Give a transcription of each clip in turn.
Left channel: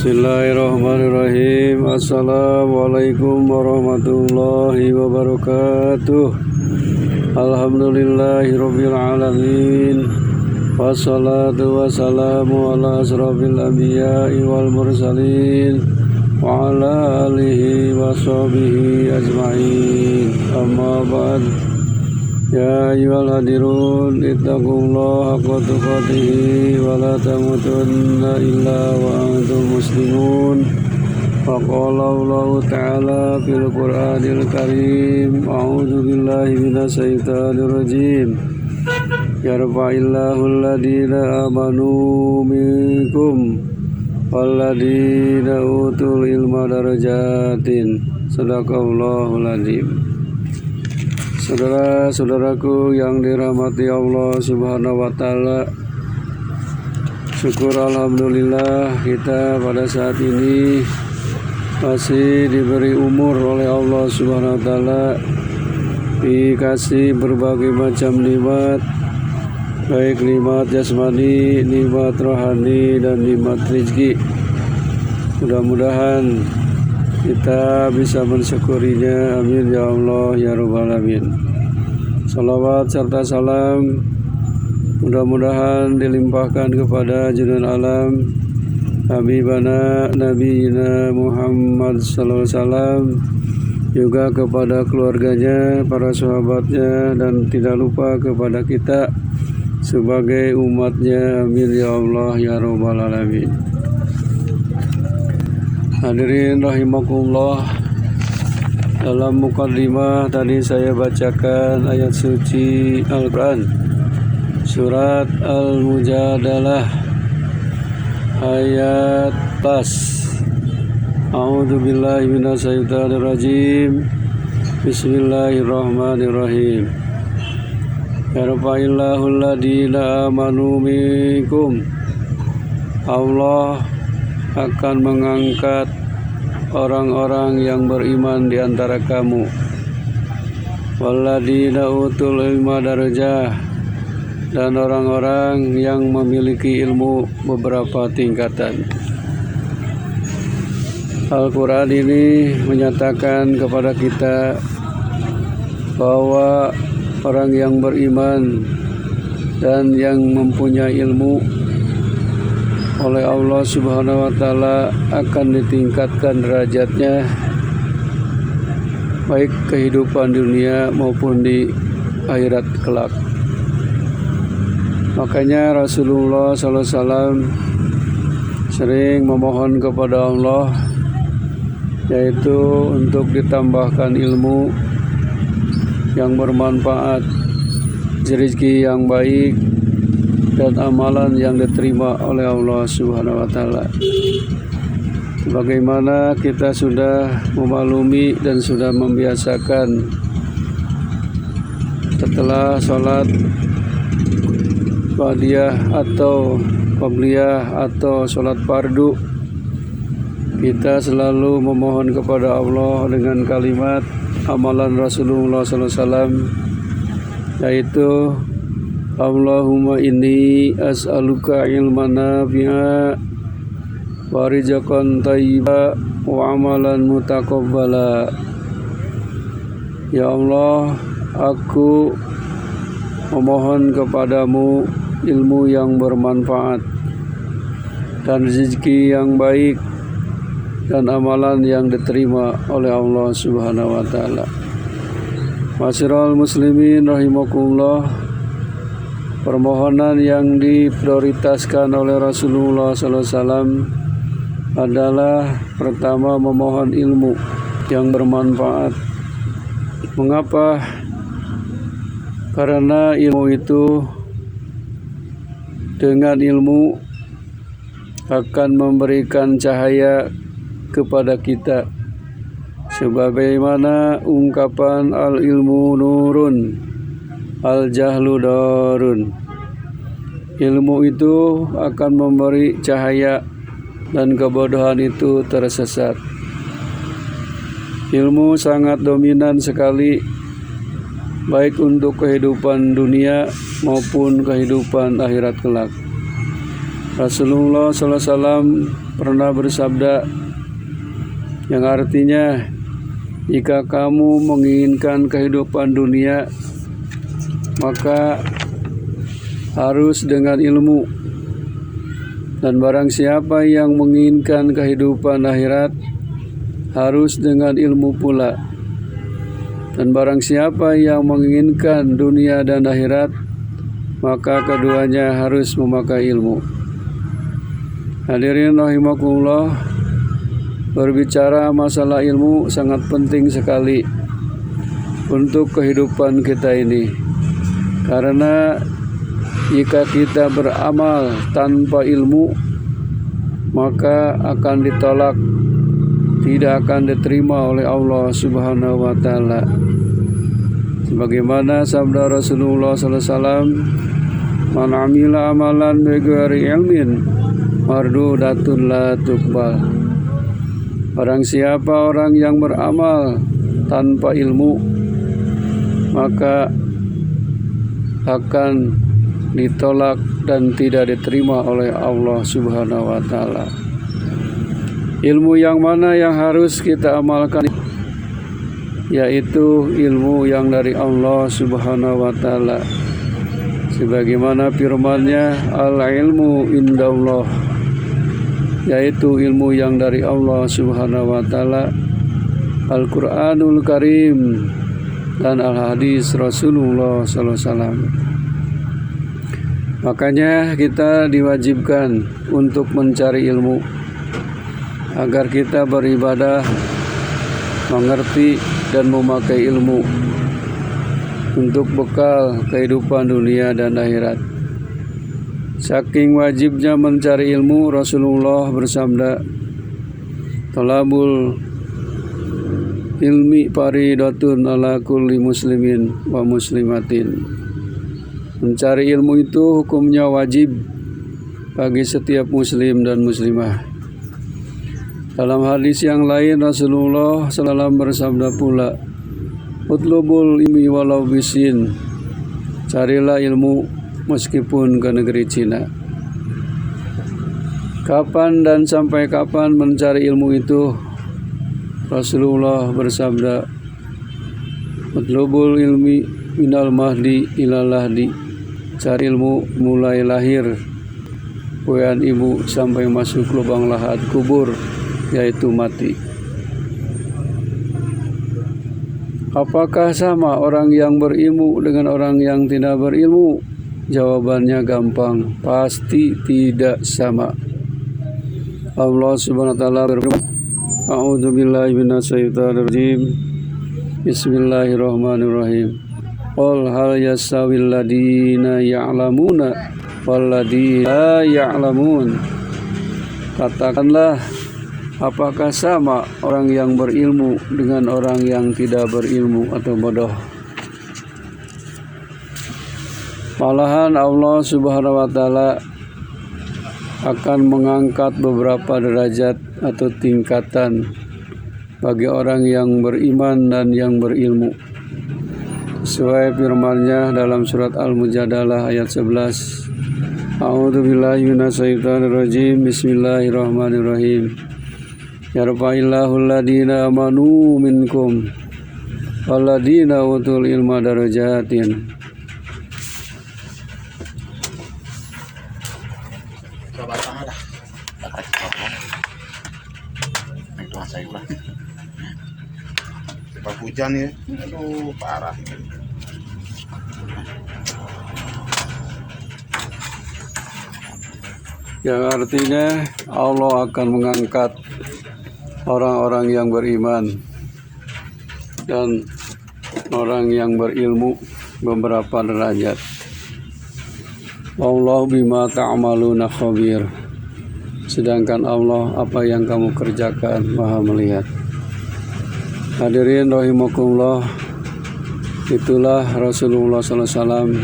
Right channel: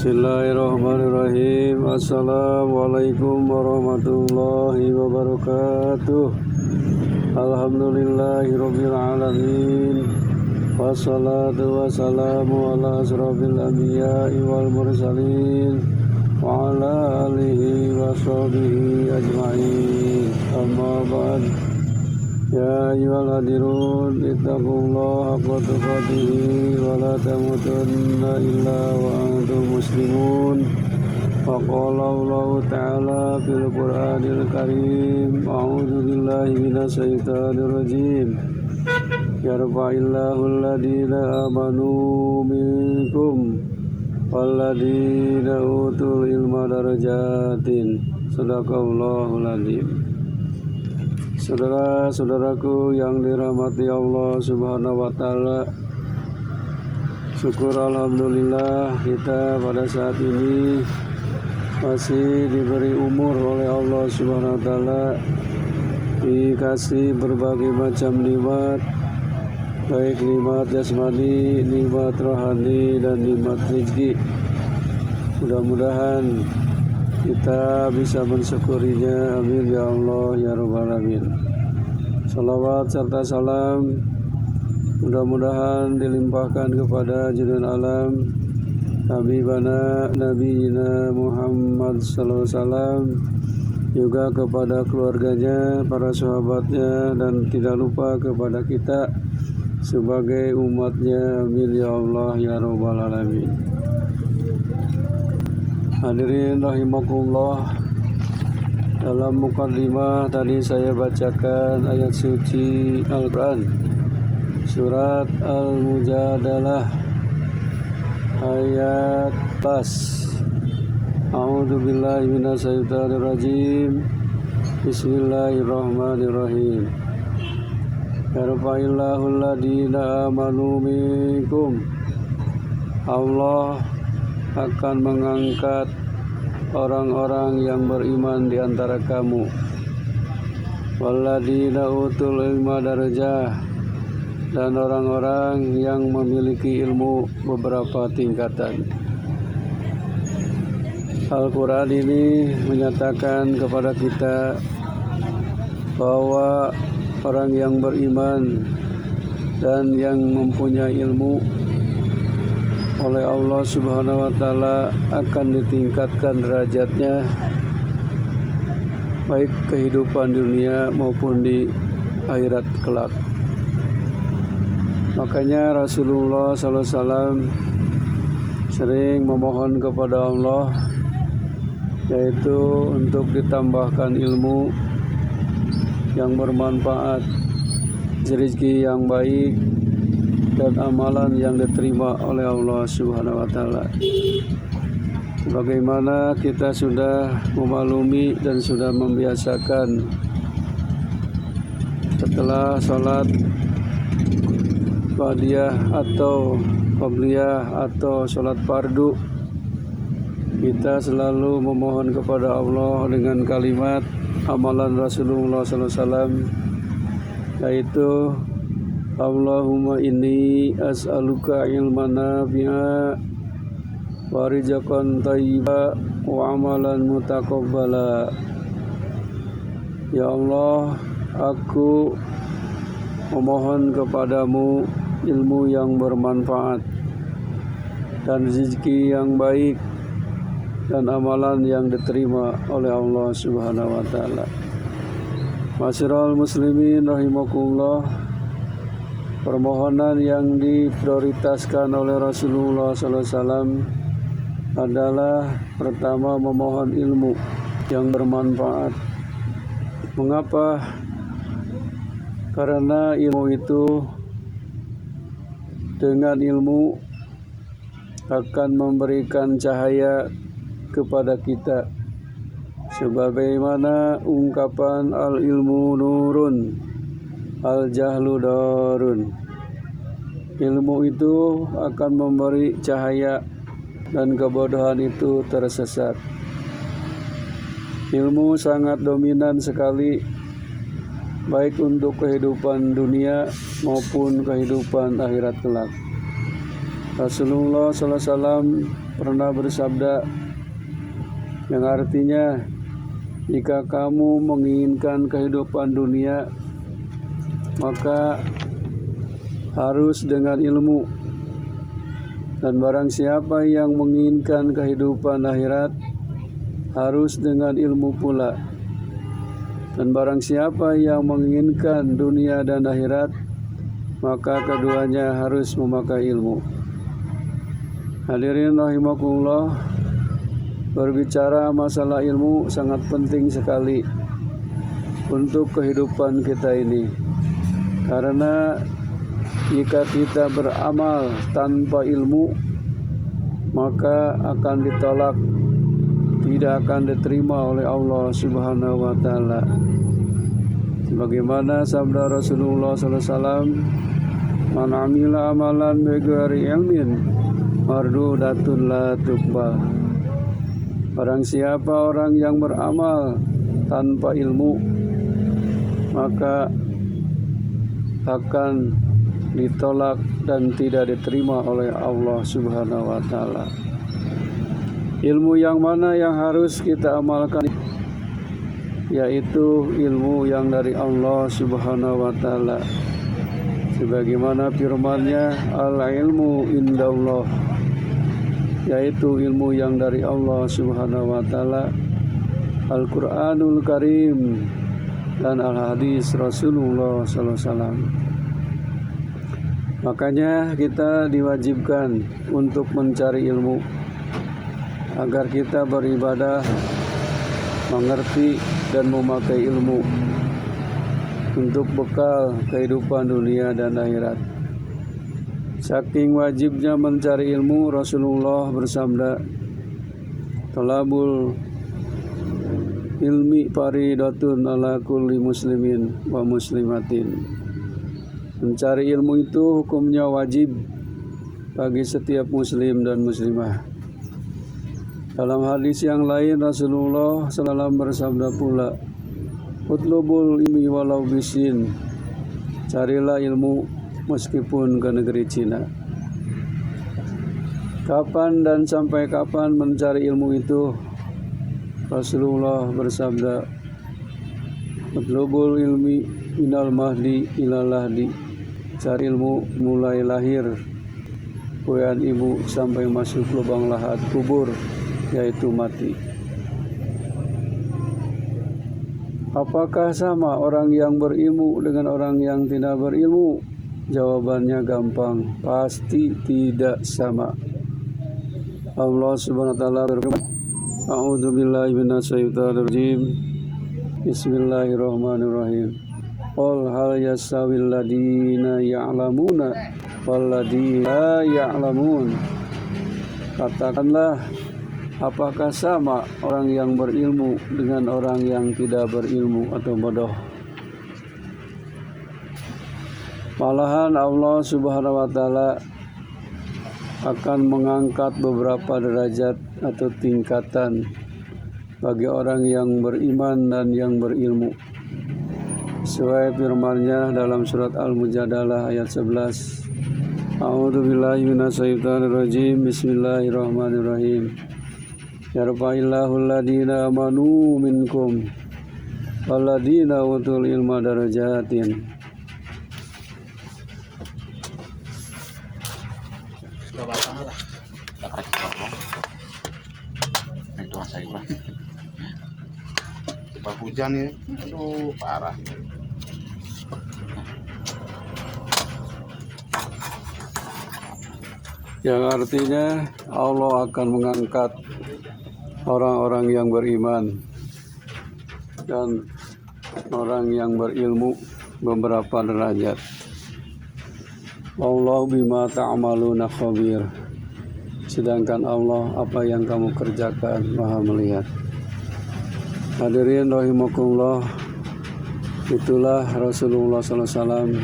Bismillahirrahmanirrahim. Assalamualaikum warahmatullahi wabarakatuh. Alhamdulillahirabbil alamin. Wassalatu wassalamu ala asrofil anbiya'i wal mursalin wa ala alihi wa sahbihi ajma'in. Amma ba'd. Ya ayyuhal hadirun ittaqullaha haqqa tuqatih wa la tamutunna illa wa antum muslimun. Wa qala Allahu ta'ala fil Qur'anil Karim, a'udzu billahi minasy syaithanir rajim. Yarfa'illahu alladhina amanu minkum walladhina utul ilma darajatin. Shadaqallahul adzim. Saudara-saudaraku yang dirahmati Allah Subhanahu wa Ta'ala, syukur alhamdulillah kita pada saat ini masih diberi umur oleh Allah Subhanahu wa Ta'ala, dikasih berbagai macam nikmat, baik nikmat jasmani, nikmat rohani, dan nikmat rezeki. Mudah-mudahan kita bisa mensyukurinya. Amin ya Allah ya Rabbal alamin. Salawat serta salam mudah-mudahan dilimpahkan kepada junjungan alam Habibana Nabiyina Muhammad sallallahu alaihi wasallam, juga kepada keluarganya, para sahabatnya, dan tidak lupa kepada kita sebagai umatnya. Amin ya Allah ya Rabbal alamin. Hadirin rahimakumullah, dalam muqaddimah tadi saya bacakan ayat suci Al-Quran, surat Al-Mujadalah ayat pas. A'udzu billahi minasy syaithanir rajim. Bismillahirrahmanirrahim. Yarfa'illahu alladhina amanu minkum. Allah akan mengangkat orang-orang yang beriman di antara kamu. Walladina utul ilma darajah, dan orang-orang yang memiliki ilmu beberapa tingkatan. Al-Quran ini menyatakan kepada kita bahwa orang yang beriman dan yang mempunyai ilmu oleh Allah Subhanahu wa Ta'ala akan ditingkatkan derajatnya, baik kehidupan dunia maupun di akhirat kelak. Makanya Rasulullah SAW sering memohon kepada Allah, yaitu untuk ditambahkan ilmu yang bermanfaat, rezeki yang baik, dan amalan yang diterima oleh Allah Subhanahu wa Ta'ala. Bagaimana kita sudah memaklumi dan sudah membiasakan setelah sholat ba'diyah atau qabliyah atau sholat fardu, kita selalu memohon kepada Allah dengan kalimat amalan Rasulullah SAW, yaitu Allahumma inni as'aluka ilman nafi'a wa rizqan thayyiba wa amalan mutaqabbala. Ya Allah, aku memohon kepadamu ilmu yang bermanfaat dan rezeki yang baik dan amalan yang diterima oleh Allah Subhanahu wa Ta'ala. Ma'asyiral muslimin rahimakumullah, permohonan yang diprioritaskan oleh Rasulullah SAW adalah pertama memohon ilmu yang bermanfaat. Mengapa? Karena ilmu itu, dengan ilmu akan memberikan cahaya kepada kita, sebagaimana ungkapan al-ilmu nurun al-jahlu darun. Ilmu itu akan memberi cahaya dan kebodohan itu tersesat. Ilmu sangat dominan sekali, baik untuk kehidupan dunia maupun kehidupan akhirat kelak. Rasulullah SAW pernah bersabda yang artinya, jika kamu menginginkan kehidupan dunia, maka harus dengan ilmu. Dan barang siapa yang menginginkan kehidupan akhirat, harus dengan ilmu pula. Dan barang siapa yang menginginkan dunia dan akhirat, maka keduanya harus memakai ilmu. Hadirin rahimakumullah, berbicara masalah ilmu sangat penting sekali untuk kehidupan kita ini. Karena jika kita beramal tanpa ilmu, maka akan ditolak, tidak akan diterima oleh Allah Subhanahu wa Ta'ala. Sebagaimana sabda Rasulullah SAW, "Man amila amalan bighairi ilmin mardudatun la tuqbal." Barang siapa orang yang beramal tanpa ilmu, maka akan ditolak dan tidak diterima oleh Allah Subhanahu wa Ta'ala. Ilmu yang mana yang harus kita amalkan? Yaitu ilmu yang dari Allah Subhanahu wa Ta'ala. Sebagaimana firman-Nya, al-ilmu indallah, yaitu ilmu yang dari Allah Subhanahu wa Ta'ala, Al-Qur'anul Karim, dan al-hadis Rasulullah SAW. Makanya kita diwajibkan untuk mencari ilmu agar kita beribadah, mengerti dan memakai ilmu untuk bekal kehidupan dunia dan akhirat. Saking wajibnya mencari ilmu, Rasulullah bersabda, "Talabul ilmi faridatun ala kulli muslimin wa muslimatin." Mencari ilmu itu hukumnya wajib bagi setiap muslim dan muslimah. Dalam hadis yang lain, Rasulullah SAW bersabda pula, "Utlubul ilmi walau bisin." Carilah ilmu meskipun ke negeri Cina. Kapan dan sampai kapan mencari ilmu itu? Rasulullah bersabda, "Utlubul ilmi minal mahdi ilal lahdi." Cari ilmu mulai lahir puyan ibu sampai masuk lubang lahat kubur, yaitu mati. Apakah sama orang yang berilmu dengan orang yang tidak berilmu? Jawabannya gampang, pasti tidak sama. Allah Subhanahu wa Ta'ala berfirman, "A'udzubillahi minasyaitonir rajim. Bismillahirrahmanirrahim. Qul hal yastawil ladina ya'lamuna wal ladina la ya'lamun." Katakanlah, apakah sama orang yang berilmu dengan orang yang tidak berilmu atau bodoh? Malahan Allah Subhanahu wa Ta'ala akan mengangkat beberapa derajat atau tingkatan bagi orang yang beriman dan yang berilmu. Sesuai firman-Nya dalam surat Al-Mujadalah ayat 11. A'udzubillahi minasyaitonir rajim. Bismillahirrahmanirrahim. Yarfa'illahul ladina amanu minkum walladina utul ilma darajatin. Hujan ya, aduh parah. Yang artinya Allah akan mengangkat orang-orang yang beriman dan orang yang berilmu beberapa derajat. Wallahu bima ta'maluna khabir. Sedangkan Allah, apa yang kamu kerjakan, Maha melihat. Hadirin rahimakumullah, itulah Rasulullah SAW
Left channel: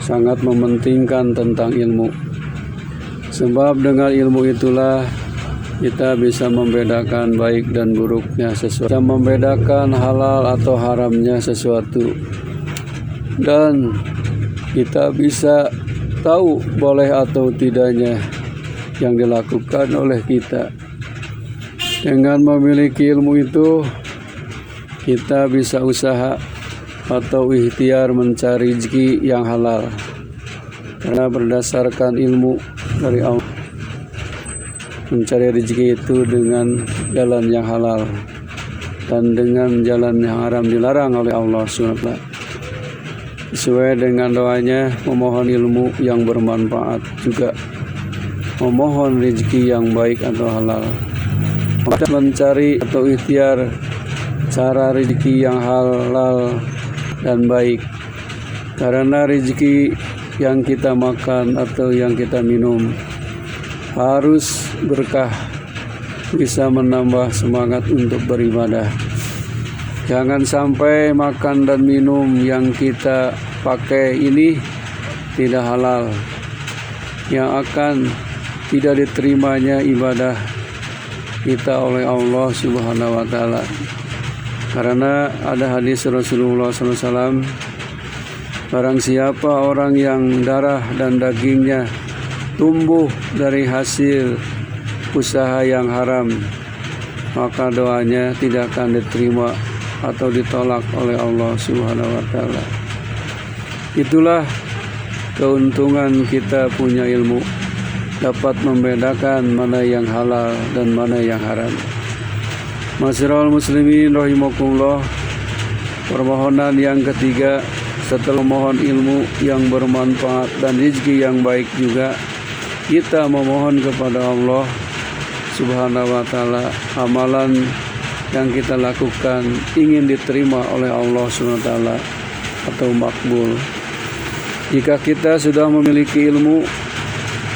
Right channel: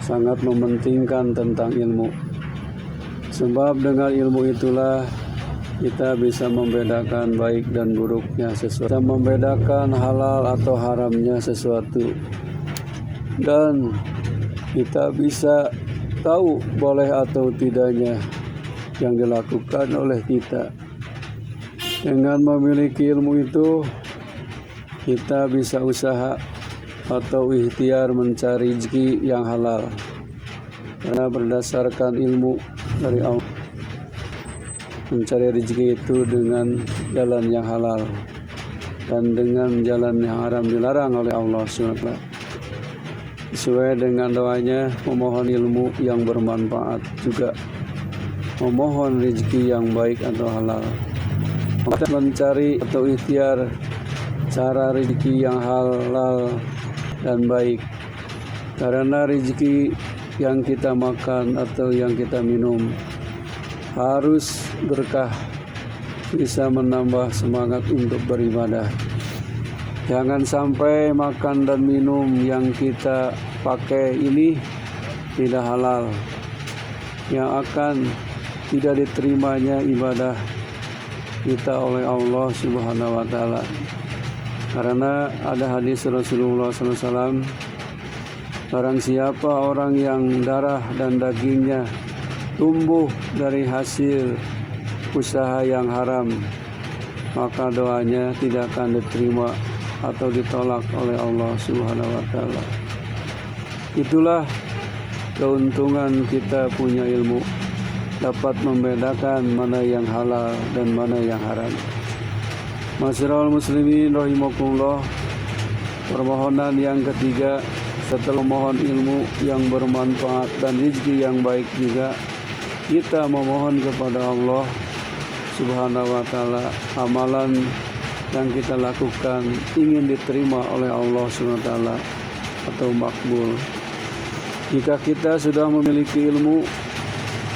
sangat mementingkan tentang ilmu. Sebab dengan ilmu itulah kita bisa membedakan baik dan buruknya sesuatu, bisa membedakan halal atau haramnya sesuatu, dan kita bisa tahu boleh atau tidaknya yang dilakukan oleh kita. Dengan memiliki ilmu itu, kita bisa usaha atau ikhtiar mencari rezeki yang halal. Karena berdasarkan ilmu dari Allah, mencari rezeki itu dengan jalan yang halal dan dengan jalan yang haram dilarang oleh Allah SWT. Sesuai dengan doanya, memohon ilmu yang bermanfaat, juga memohon rezeki yang baik atau halal. Mencari atau ikhtiar cara rezeki yang halal dan baik, karena rezeki yang kita makan atau yang kita minum harus berkah, bisa menambah semangat untuk beribadah. Jangan sampai makan dan minum yang kita pakai ini tidak halal, yang akan tidak diterimanya ibadah kita oleh Allah Subhanahu wa Ta'ala. Karena ada hadis Rasulullah SAW, barang siapa orang yang darah dan dagingnya tumbuh dari hasil usaha yang haram, maka doanya tidak akan diterima atau ditolak oleh Allah Subhanahu wa Ta'ala. Itulah keuntungan kita punya ilmu, dapat membedakan mana yang halal dan mana yang haram. Masyarul muslimin rahimakumullah. Permohonan yang ketiga, setelah memohon ilmu yang bermanfaat dan rezeki yang baik juga, kita memohon kepada Allah Subhanahu wa Ta'ala amalan yang kita lakukan ingin diterima oleh Allah Subhanahu wa Ta'ala atau makbul. Jika kita sudah memiliki ilmu,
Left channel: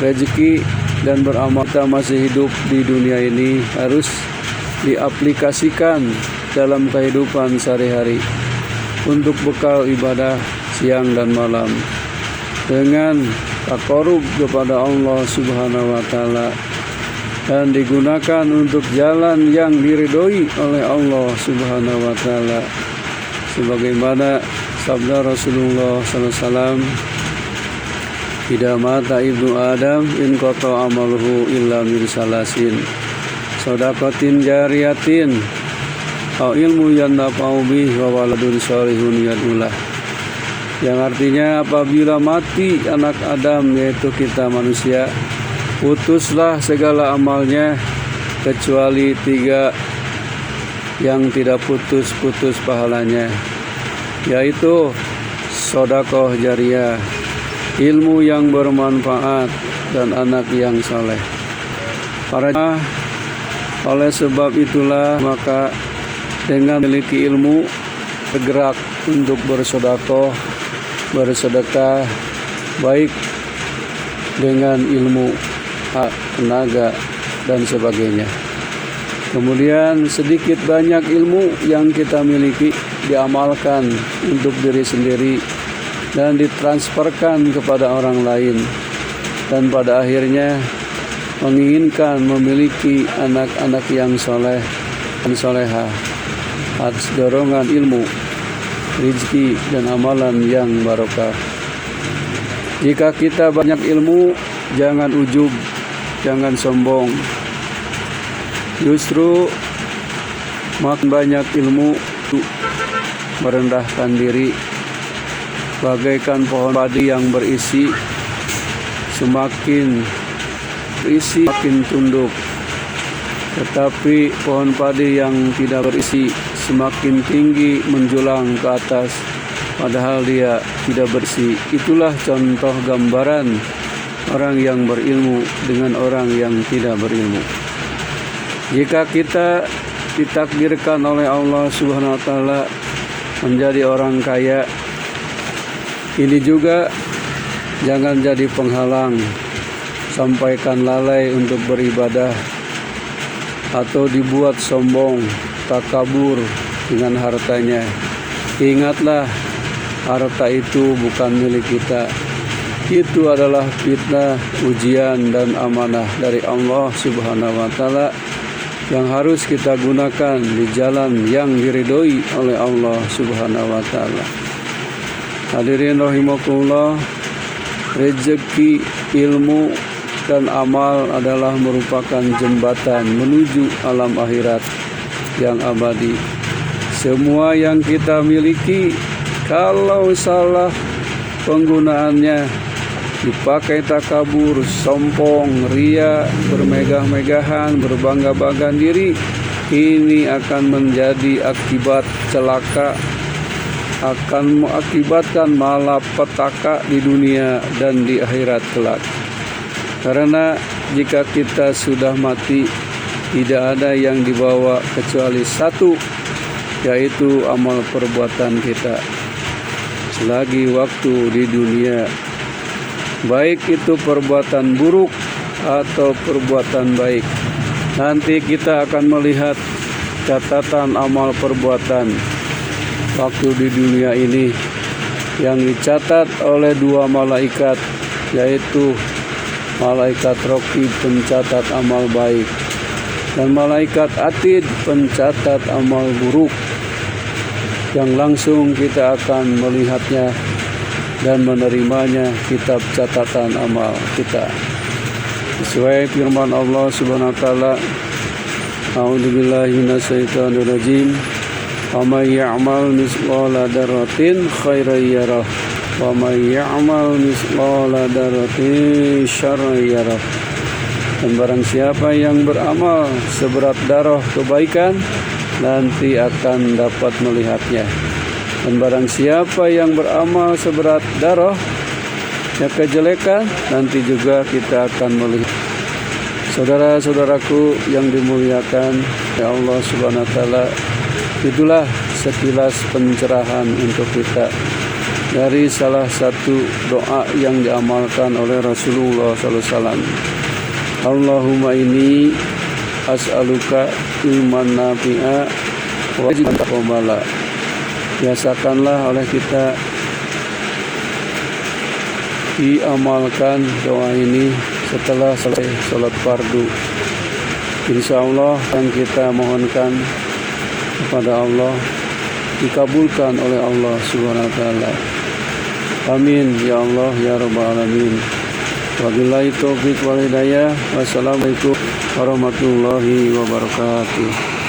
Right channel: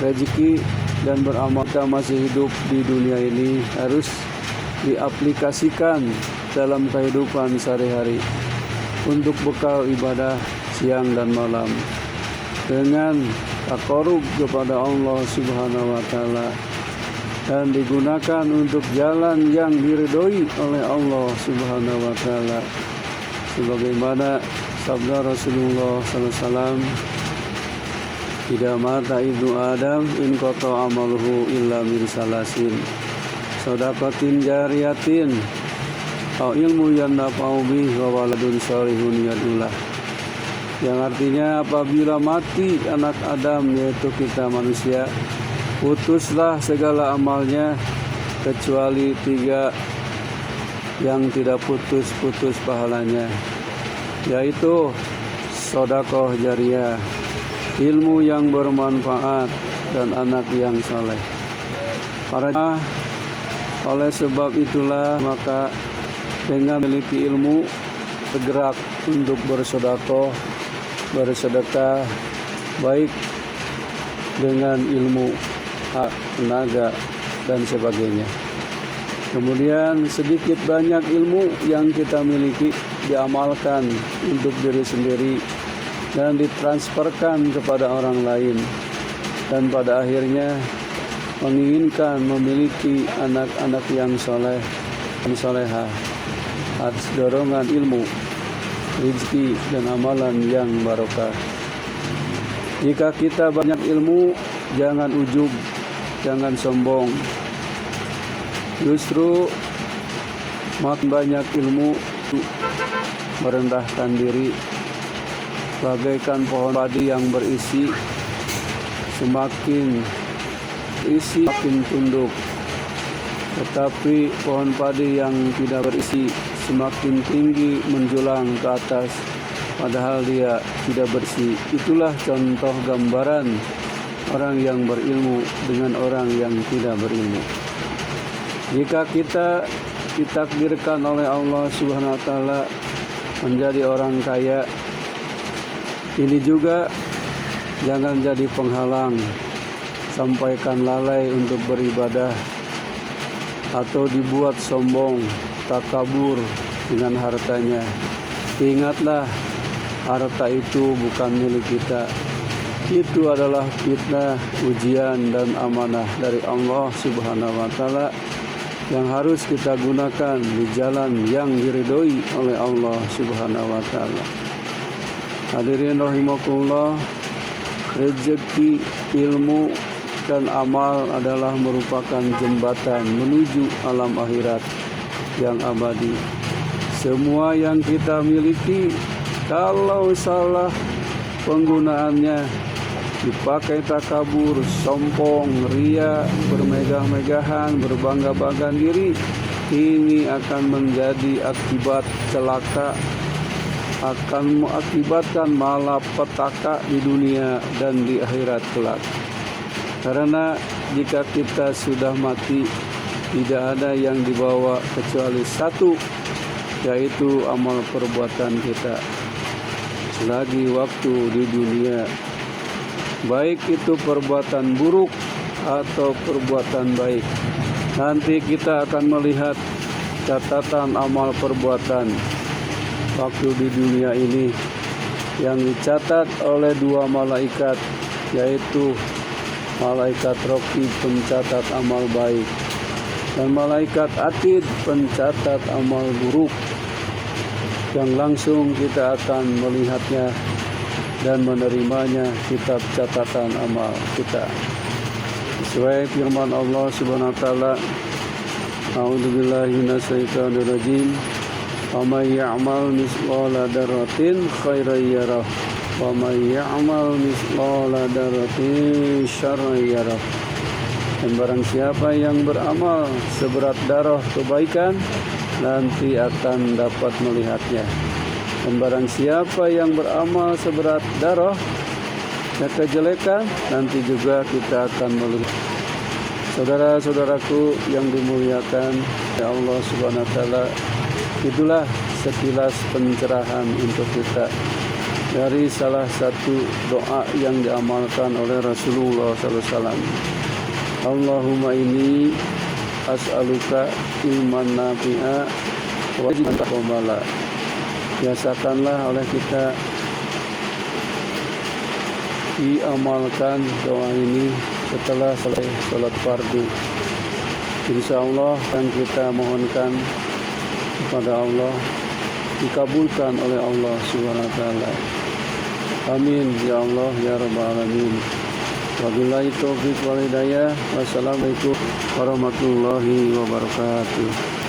rezeki dan beramal, kita masih hidup di dunia ini harus diaplikasikan dalam kehidupan sehari-hari untuk bekal ibadah siang dan malam dengan taqarrub kepada Allah Subhanahu wa Ta'ala, dan digunakan untuk jalan yang diridhoi oleh Allah Subhanahu wa Ta'ala, sebagaimana sabda Rasulullah SAW, "Idza mata ibnu Adam in qata amaluhu illa min salasin, shadaqatin jariyatin aw ilmu yantafa'u bihi wa waladun shalihun yad'ulah." Yang artinya, apabila mati anak Adam, yaitu kita manusia, putuslah segala amalnya kecuali 3 yang tidak putus-putus pahalanya, yaitu sedekah jariyah, ilmu yang bermanfaat, dan anak yang soleh. Oleh sebab itulah, maka dengan memiliki ilmu, bergerak untuk bersedekah baik dengan ilmu, tenaga, dan sebagainya. Kemudian sedikit banyak ilmu yang kita miliki diamalkan untuk diri sendiri dan ditransferkan kepada orang lain, dan pada akhirnya menginginkan memiliki anak-anak yang soleh dan solehah atas dorongan ilmu, rezeki, dan amalan yang barokah. Jika kita banyak ilmu, jangan ujub, jangan sombong. Justru makin banyak ilmu, merendahkan diri, bagaikan pohon padi yang berisi, semakin berisi makin tunduk. Tetapi pohon padi yang tidak berisi semakin tinggi menjulang ke atas, padahal dia tidak bersih. Itulah contoh gambaran orang yang berilmu dengan orang yang tidak berilmu. Jika kita ditakdirkan oleh Allah Subhanahu wa Ta'ala menjadi orang kaya, ini juga jangan jadi penghalang, sampaikan lalai untuk beribadah atau dibuat sombong, takabur dengan hartanya. Ingatlah, harta itu bukan milik kita. Itu adalah fitnah, ujian, dan amanah dari Allah Subhanahu wa Ta'ala yang harus kita gunakan di jalan yang diridhoi oleh Allah Subhanahu wa Ta'ala. Hadirin rahimakumullah, rezeki, ilmu, dan amal adalah merupakan jembatan menuju alam akhirat yang abadi. Semua yang kita miliki, kalau salah penggunaannya, dipakai takabur, sombong, ria, bermegah-megahan, berbangga-banggahan diri, ini akan menjadi akibat celaka, akan mengakibatkan malapetaka di dunia dan di akhirat kelak. Karena jika kita sudah mati, tidak ada yang dibawa kecuali satu, yaitu amal perbuatan kita selagi waktu di dunia, baik itu perbuatan buruk atau perbuatan baik. Nanti kita akan melihat catatan amal perbuatan waktu di dunia ini yang dicatat oleh dua malaikat, yaitu malaikat Raqib pencatat amal baik dan malaikat Atid pencatat amal buruk, yang langsung kita akan melihatnya dan menerimanya kitab catatan amal kita. Sesuai firman Allah Subhanahu wa taala, A'udzubillahi minasyaitonirrajim. Wa may ya'mal mithqala dzarratin khairan yarah wa may ya'mal mithqala dzarratin syarran yarah. Dan barang siapa yang beramal seberat darah kebaikan, nanti akan dapat melihatnya. Dan barang siapa yang beramal seberat darah kejelekan, nanti juga kita akan melihat. Saudara-saudaraku yang dimuliakan ya Allah Subhanahu wa taala, itulah sekilas pencerahan untuk kita dari salah satu doa yang diamalkan oleh Rasulullah SAW. Allahumma inni as'aluka ilman nafi'a wa rizqan taqabbala. Biasakanlah oleh kita diamalkan doa ini setelah selesai sholat fardu. Insya Allah yang kita mohonkan kepada Allah dikabulkan oleh Allah Subhanahu wa taala. Amin ya Allah ya rabbal alamin. Wabillahi taufiq wal hidayah. Wassalamualaikum warahmatullahi wabarakatuh.